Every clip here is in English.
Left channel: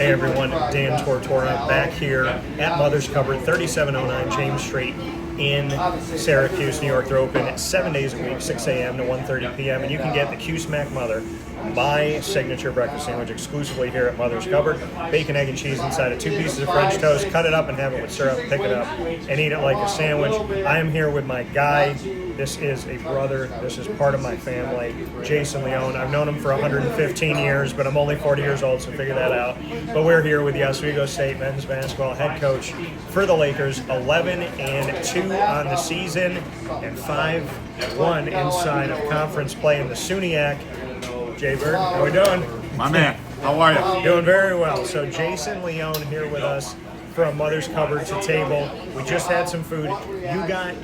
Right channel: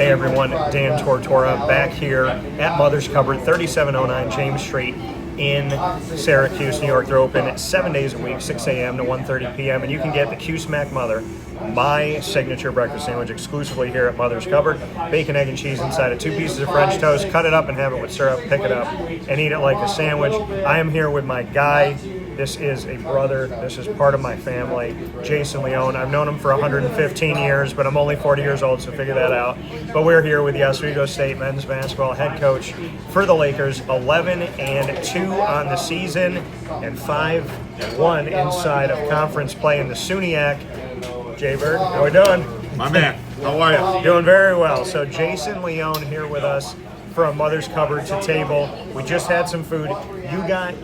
Hey everyone, Dan Tortora back here at Mother's Cupboard, 3709 James Street in Syracuse, New York. They're open 7 days a week, 6 a.m. to 1:30 p.m. And you can get the Q-Smack Mother, my signature breakfast sandwich, exclusively here at Mother's Cupboard. Bacon, egg, and cheese inside of 2 pieces of French toast. Cut it up and have it with syrup. Pick it up and eat it like a sandwich. I am here with my guy. This is a brother. This is part of my family, Jason Leone. I've known him for 115 years, but I'm only 40 years old, so figure that out. But we're here with the Oswego State men's basketball head coach for the Lakers, 11-2 on the season and 5-1 inside of conference play in the SUNYAC. Jay Bird, how we doing? My man, how are you? Doing very well. So Jason Leone here with us from Mother's Cupboard to table. We just had some food. You got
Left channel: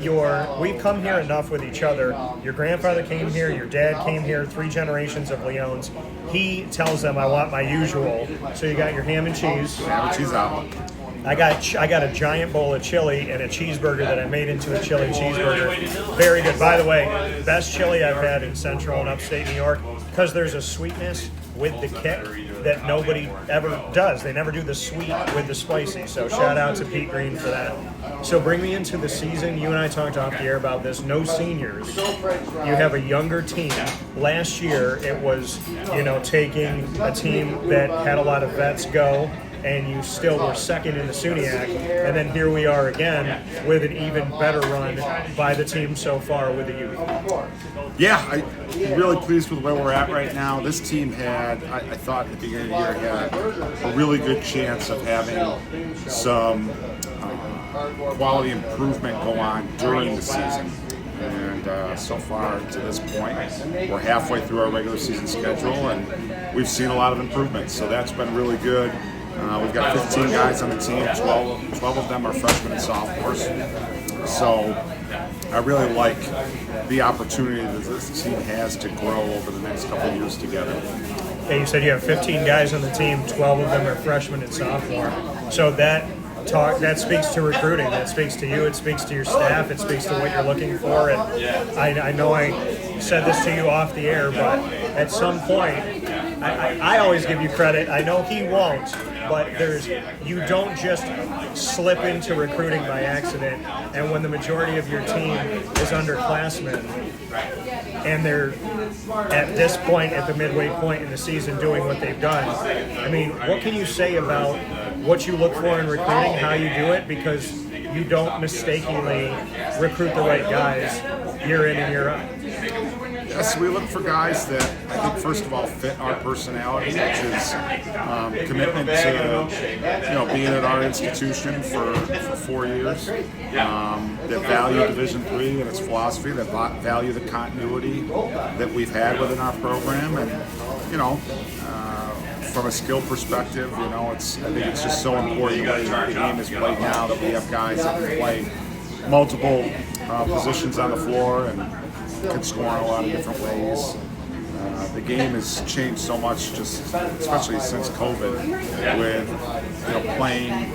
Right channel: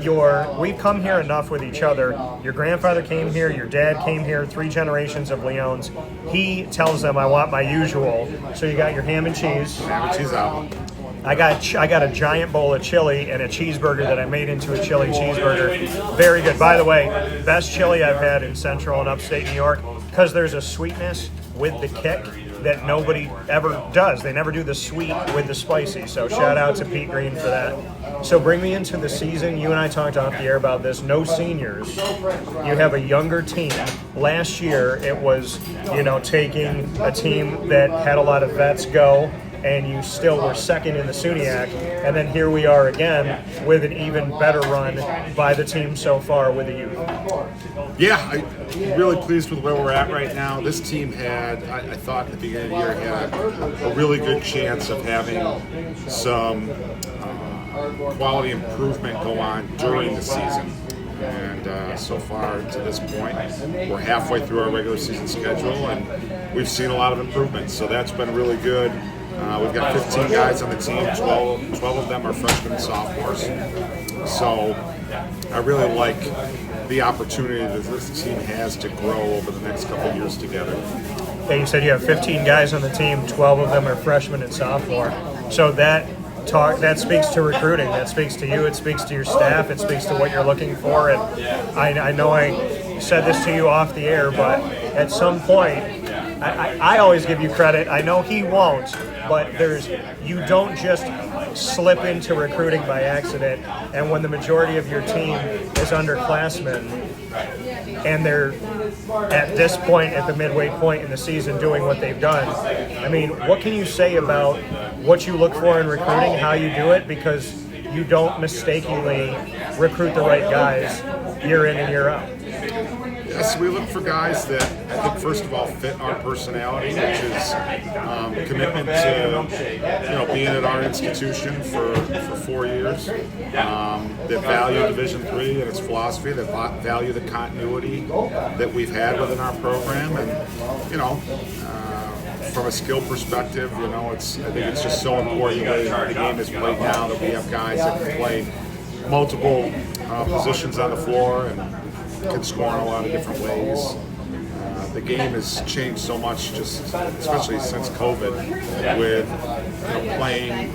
we've come here enough with each other. Your grandfather came here, your dad came here, 3 generations of Leones. He tells them, I want my usual. So you got your ham and cheese. Ham and cheese omelet. I got a giant bowl of chili and a cheeseburger that I made into a chili cheeseburger. Very good. By the way, best chili I've had in Central and Upstate New York, because there's a sweetness with the kick that nobody ever does. They never do the sweet with the spicy. So shout out to Pete Green for that. So bring me into the season. You and I talked off the air about this. No seniors. You have a younger team. Last year it was, taking a team that had a lot of vets go, and you still were second in the SUNYAC, and then here we are again with an even better run by the team so far with the youth. Yeah, I'm really pleased with where we're at right now. This team had, I thought at the beginning of the year, had a really good chance of having some quality improvement go on during the season. And so far to this point, we're halfway through our regular season schedule, and we've seen a lot of improvements. So that's been really good. We've got 15 guys on the team, 12 of them are freshmen and sophomores. So I really like the opportunity that this team has to grow over the next couple of years together. Yeah, you said you have 15 guys on the team, 12 of them are freshmen and sophomore. So that speaks to recruiting, that speaks to you, it speaks to your staff, it speaks to what you're looking for. And I know I said this to you off the air, but at some point, I always give you credit. I know he won't, but you don't just slip into recruiting by accident. And when the majority of your team is underclassmen and they're at this point, at the midway point in the season, doing what they've done, I mean, what can you say about what you look for in recruiting, how you do it? Because you don't mistakenly recruit the right guys year in and year out. Yes, we look for guys that I think first of all fit our personality, which is commitment to being at our institution for 4 years, that value Division III and its philosophy, that value the continuity that we've had within our program, and from a skill perspective, I think it's just so important the way the game is played now that we have guys that can play multiple positions on the floor and can score in a lot of different ways. The game has changed so much, especially since COVID, with playing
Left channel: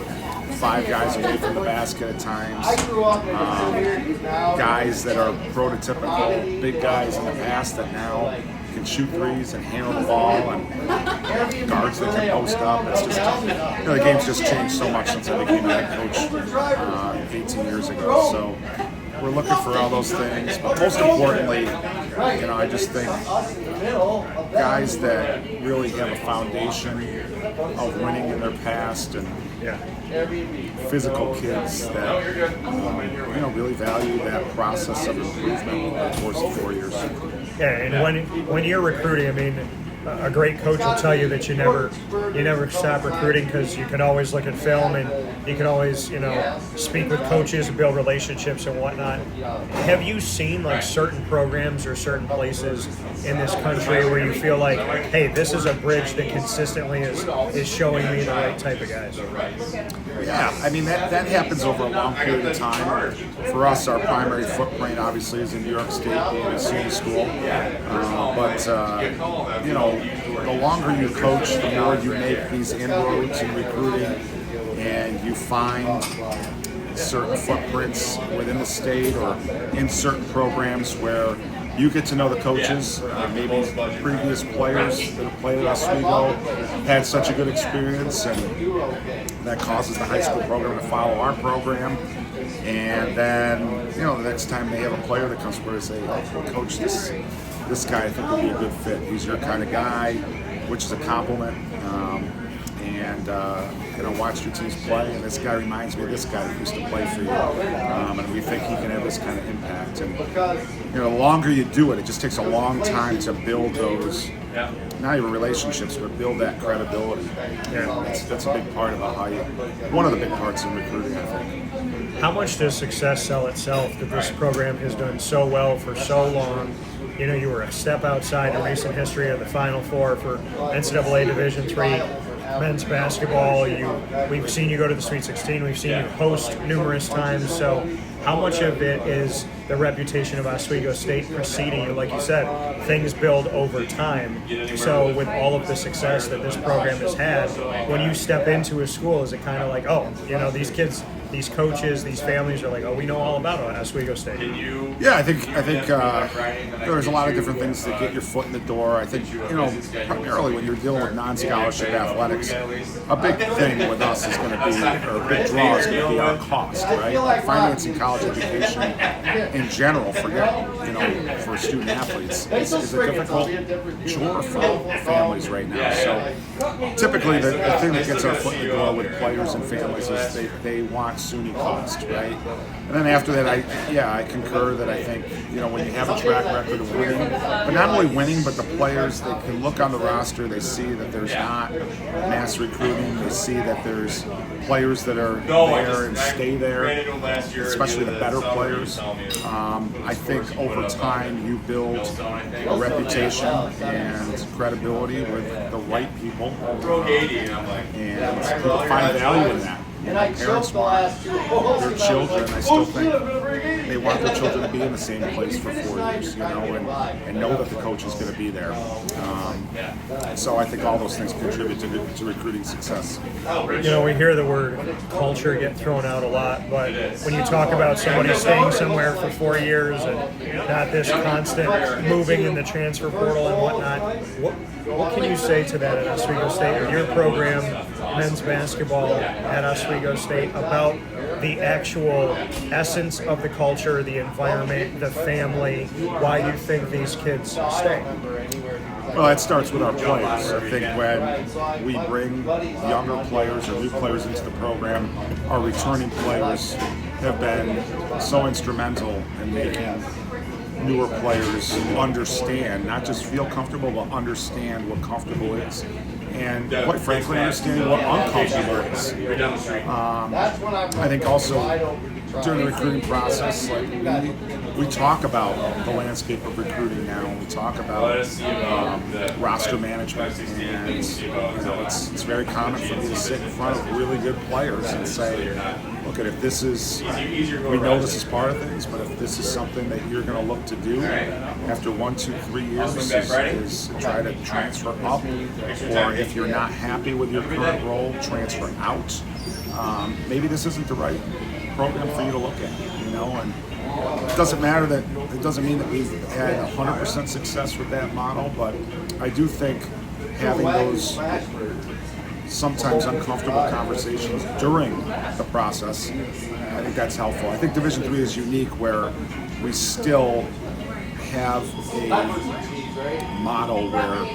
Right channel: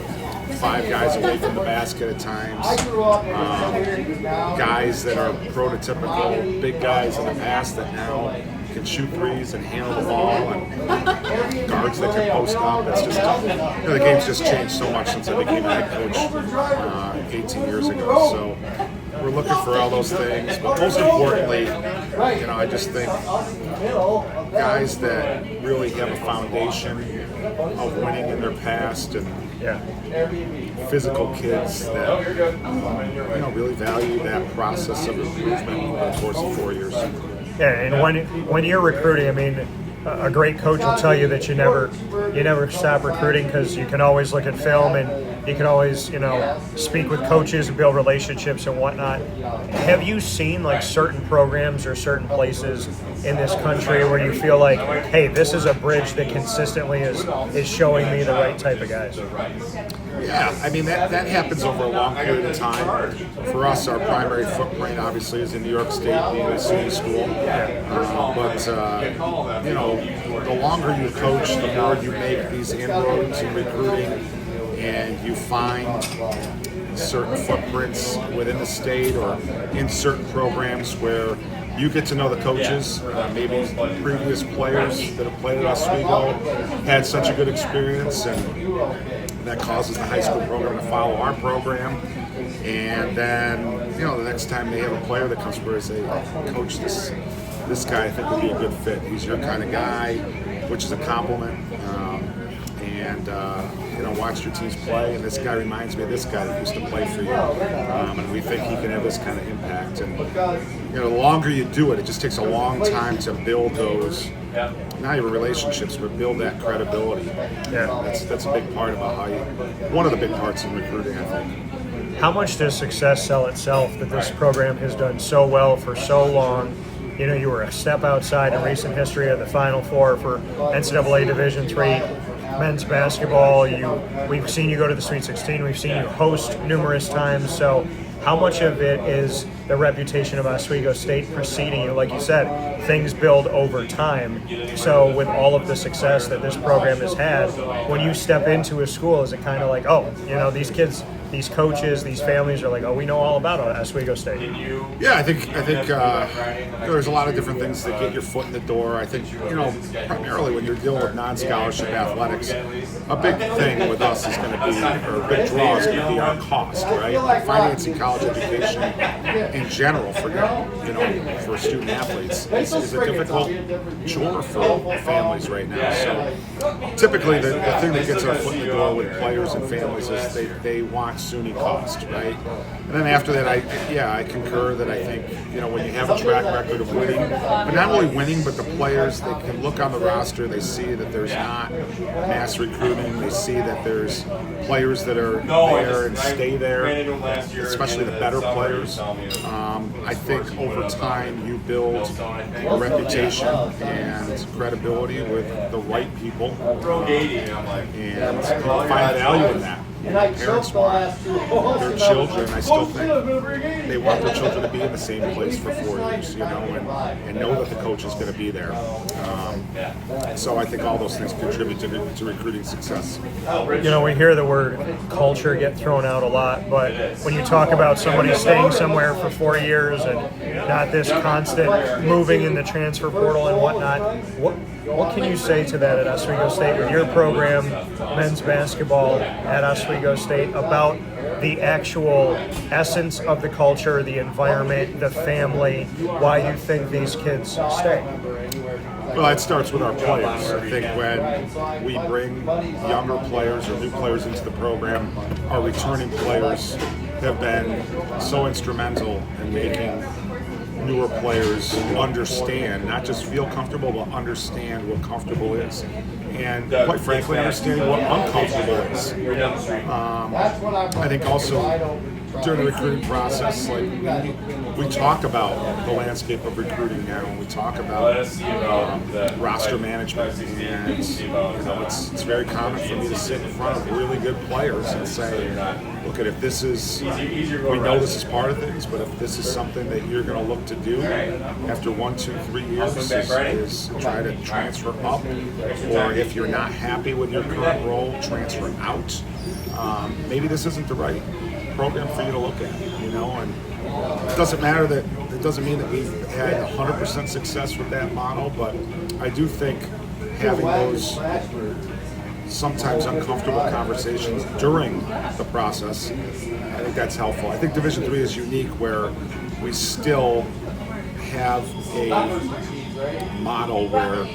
5 guys away from the basket at times. Guys that are prototypical big guys in the past that now can shoot threes and handle the ball, and guards that can post up. It's just the game's just changed so much since I became a head coach 18 years ago. So we're looking for all those things, but most importantly, I just think guys that really have a foundation of winning in their past, and physical kids that really value that process of improvement over the course of 4 years. Yeah, and when you're recruiting, I mean, a great coach will tell you that you never stop recruiting, because you can always look at film and you can always speak with coaches and build relationships and whatnot. Have you seen like certain programs or certain places in this country where you feel like, hey, this is a bridge that consistently is showing me the right type of guys? Yeah, I mean that happens over a long period of time. For us, our primary footprint obviously is in New York State, being a city school. But the longer you coach, the more you make these inroads in recruiting, and you find certain footprints within the state or in certain programs where you get to know the coaches, maybe previous players that have played at Oswego had such a good experience, and that causes the high school program to follow our program. And then, the next time they have a player that comes forward and say, Coach, this guy I think would be a good fit. He's your kind of guy, which is a compliment. Watch your teams play, and this guy reminds me of this guy that used to play for you. And we think he can have this kind of impact. And, the longer you do it, it just takes a long time to build those, not even relationships, but build that credibility. Yeah, that's a big part about one of the big parts in recruiting, I think. How much does success sell itself that this program has done so well for so long? You were a step outside in recent history of the Final Four for NCAA Division III men's basketball. We've seen you go to the Sweet 16. We've seen you host numerous times. So how much of it is the reputation of Oswego State preceding you? Like you said, things build over time. So with all of the success that this program has had, when you step into a school, is it kind of like, these kids, these coaches, these families are like, we know all about Oswego State? Yeah, I think there's a lot of different things that get your foot in the door. I think, primarily when you're dealing with non-scholarship athletics, a big thing with us is going to be, or a big draw is going to be our cost, right? Like financing college education in general for student athletes is a difficult chore for families right now. So typically the thing that gets our foot in the door with players and families is they want SUNY cost, right? And then after that, I concur that I think, when you have a track record of winning, but not only winning, but the players, they can look on the roster, they see that there's not mass recruiting, they see that there's players that are there and stay there, especially the better players. I think over time you build a reputation and credibility with the right people, and people find value in that. Parents want their children, I still think they want their children to be in the same place for 4 years, and know that the coach is going to be there. So I think all those things contribute to recruiting success. We hear the word culture get thrown out a lot, but when you talk about somebody staying somewhere for 4 years and not this constant moving in the transfer portal and whatnot, what can you say to that at Oswego State or your program, men's basketball at Oswego State, about the actual essence of the culture, the environment, the family, why you think these kids stay? Well, it starts with our players. I think when we bring younger players or new players into the program, our returning players have been so instrumental in making newer players understand, not just feel comfortable, but understand what comfortable is. And quite frankly, understanding what uncomfortable is. I think also during the recruiting process, we talk about the landscape of recruiting now. We talk about roster management, and it's very common for me to sit in front of really good players and say, look, if this is, we know this is part of things, but if this is something that you're going to look to do after 1, 2, 3 years is try to transfer up, or if you're not happy with your current role, transfer out. Maybe this isn't the right program for you to look at, and it doesn't matter that, it doesn't mean that we've had 100% success with that model, but I do think having those sometimes uncomfortable conversations during the process, I think that's helpful. I think Division III is unique where we still have a model where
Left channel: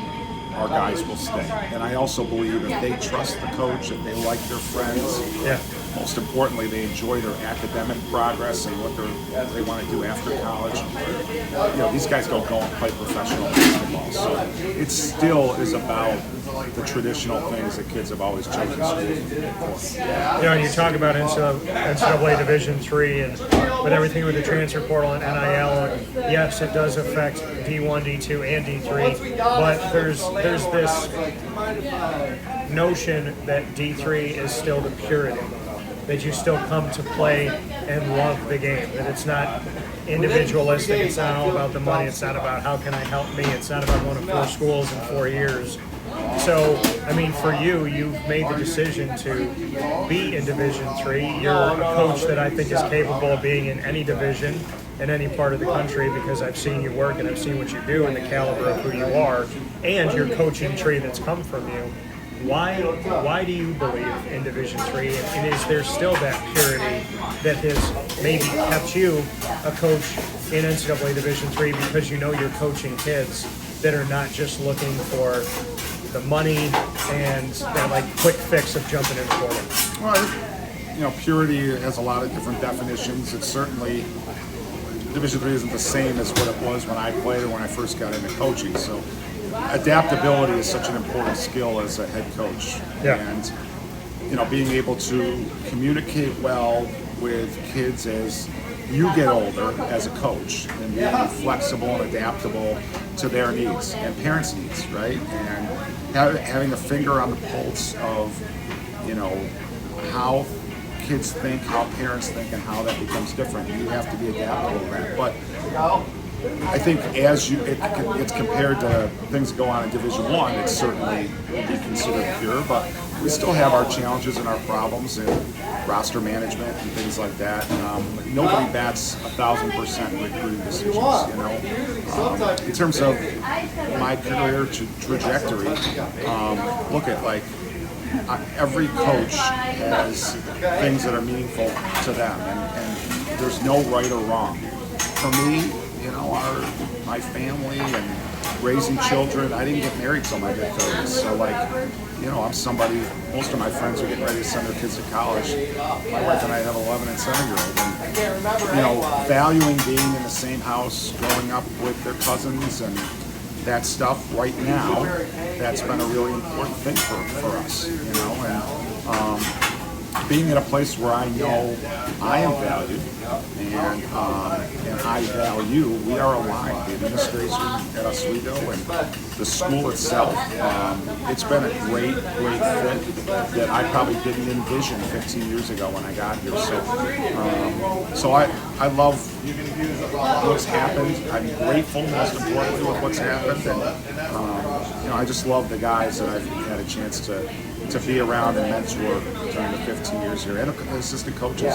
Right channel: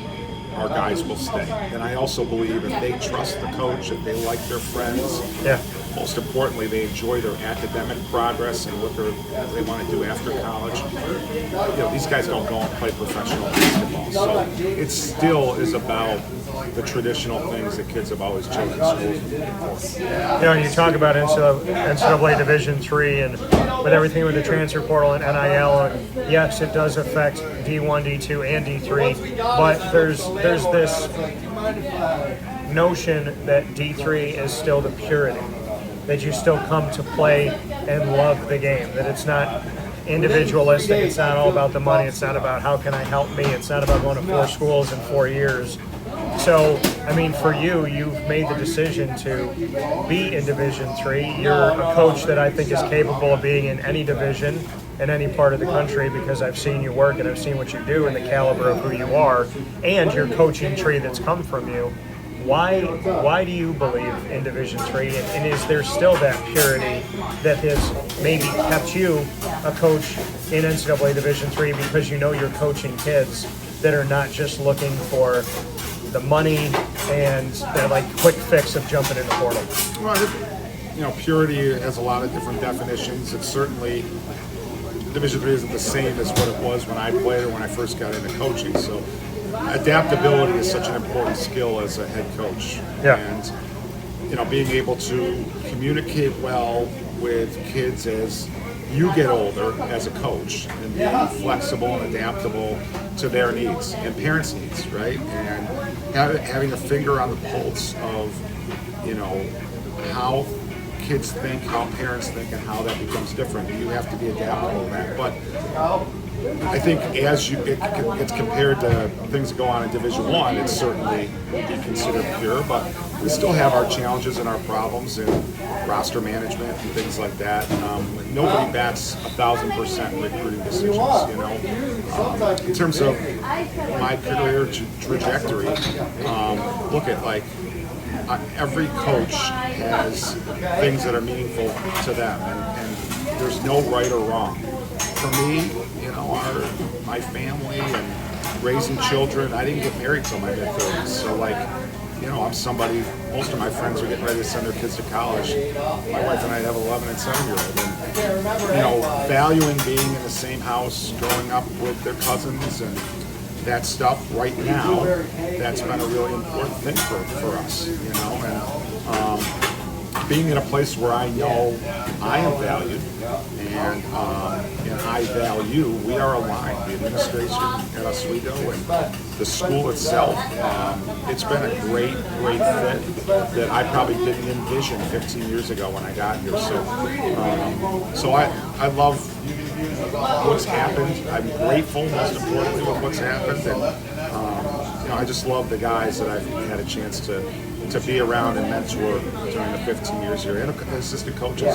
our guys will stay. And I also believe if they trust the coach, if they like their friends, most importantly, they enjoy their academic progress and what they want to do after college. These guys don't go and play professional basketball. So it still is about the traditional things that kids have always chosen schools for. You talk about NCAA Division III and with everything with the transfer portal and NIL, yes, it does affect D1, D2, and D3, but there's this notion that D3 is still the purity, that you still come to play and love the game, that it's not individualistic, it's not all about the money, it's not about how can I help me, it's not about going to 4 schools in 4 years. So, I mean, for you, you've made the decision to be in Division III. You're a coach that I think is capable of being in any division in any part of the country, because I've seen you work and I've seen what you do and the caliber of who you are and your coaching tree that's come from you. Why do you believe in Division III, and is there still that purity that has maybe kept you a coach in NCAA Division III, because you know you're coaching kids that are not just looking for the money and that like quick fix of jumping in the portal? Well, I think, purity has a lot of different definitions. It's certainly, Division III isn't the same as what it was when I played or when I first got into coaching. So adaptability is such an important skill as a head coach. Yeah. And, being able to communicate well with kids as you get older as a coach, and being flexible and adaptable to their needs and parents' needs, right? And having a finger on the pulse of, how kids think, how parents think, and how that becomes different. You have to be adaptable to that. But I think as it's compared to things that go on in Division I, it's certainly would be considered pure, but we still have our challenges and our problems in roster management and things like that. Nobody bats 1,000% recruiting decisions, In terms of my career trajectory, look at every coach has things that are meaningful to them, and there's no right or wrong. For me, my family and raising children, I didn't get married till my mid-30s. So I'm somebody, most of my friends are getting ready to send their kids to college. My wife and I have 11 and 7-year-old. And, valuing being in the same house, growing up with their cousins and that stuff right now, that's been a really important thing for us, and being in a place where I know I am valued and I value, we are aligned. The administration at Oswego and the school itself, it's been a great fit that I probably didn't envision 15 years ago when I got here. So I love what's happened. I'm grateful, most importantly, with what's happened, and I just love the guys that I've had a chance to be around and mentor during the 15 years here, and assistant coaches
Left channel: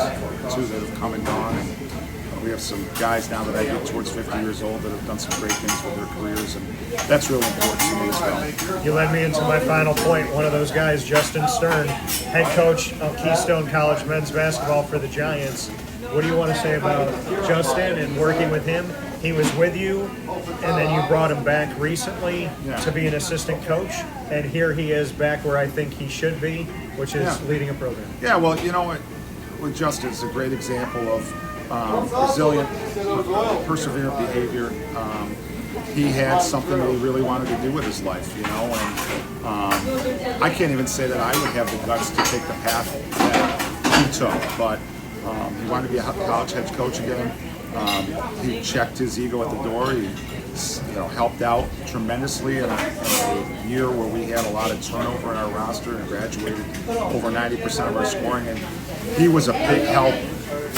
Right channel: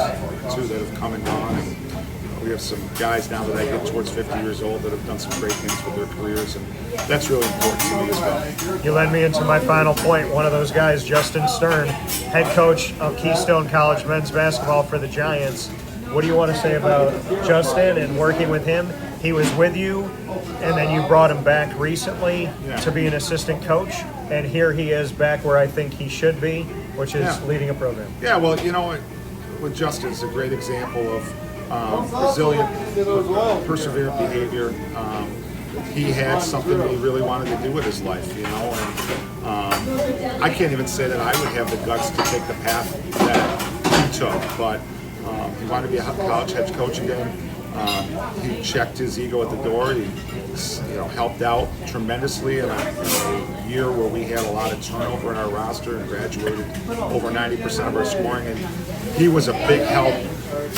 too that have come and gone. And we have some guys now that I get towards 50 years old that have done some great things with their careers, and that's really important to me as well. You led me into my final point. One of those guys, Justin Stern, head coach of Keystone College men's basketball for the Giants. What do you want to say about Justin and working with him? He was with you, and then you brought him back recently to be an assistant coach, and here he is back where I think he should be, which is leading a program. Yeah, well, with Justin, it's a great example of resilient, perseverant behavior. He had something that he really wanted to do with his life, and I can't even say that I would have the guts to take the path that he took, but he wanted to be a college head coach again. He checked his ego at the door. He, helped out tremendously in a year where we had a lot of turnover in our roster and graduated over 90% of our scoring. And he was a big help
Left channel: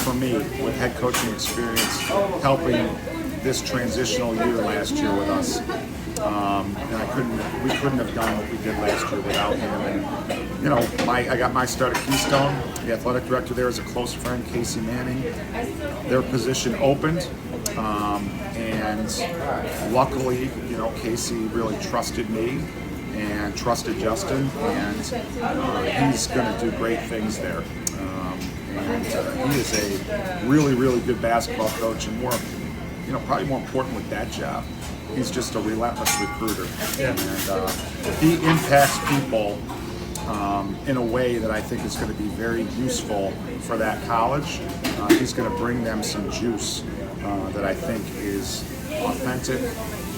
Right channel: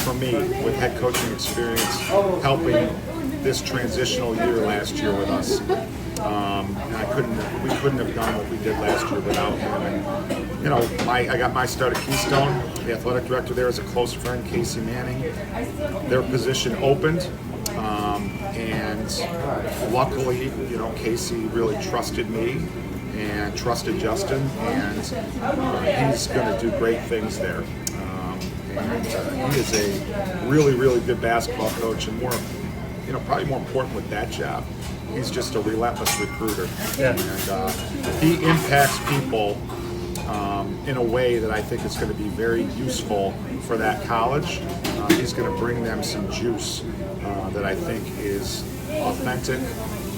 for me with head coaching experience, helping this transitional year last year with us. And we couldn't have done what we did last year without him. And I got my start at Keystone. The athletic director there is a close friend, Casey Manning. Their position opened, and luckily, Casey really trusted me and trusted Justin, and he's going to do great things there. And he is a really, really good basketball coach, and probably more important with that job, he's just a relentless recruiter. Yeah. And he impacts people in a way that I think is going to be very useful for that college. He's going to bring them some juice that I think is authentic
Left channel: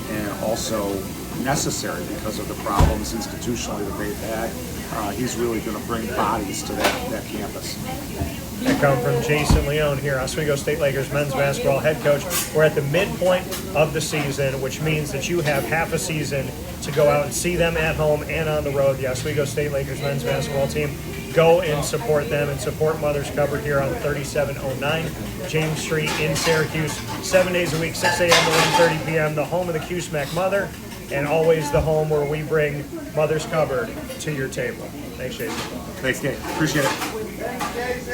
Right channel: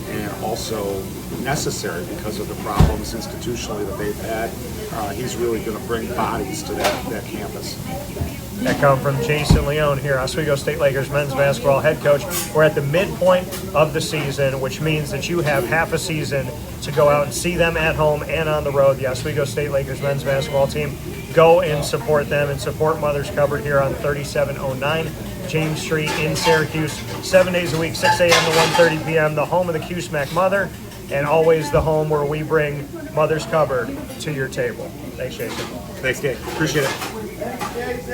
and also necessary because of the problems institutionally that they've had. He's really going to bring bodies to that campus. That come from Jason Leone here, Oswego State Lakers men's basketball head coach. We're at the midpoint of the season, which means that you have half a season to go out and see them at home and on the road. The Oswego State Lakers men's basketball team. Go and support them and support Mother's Cupboard here on 3709 James Street in Syracuse. 7 days a week, 6 a.m. to 1:30 p.m. The home of the QSMAC Mother. and always the home where we bring Mother's Cupboard to your table. Thanks, Jason. Thanks, Dave. Appreciate it.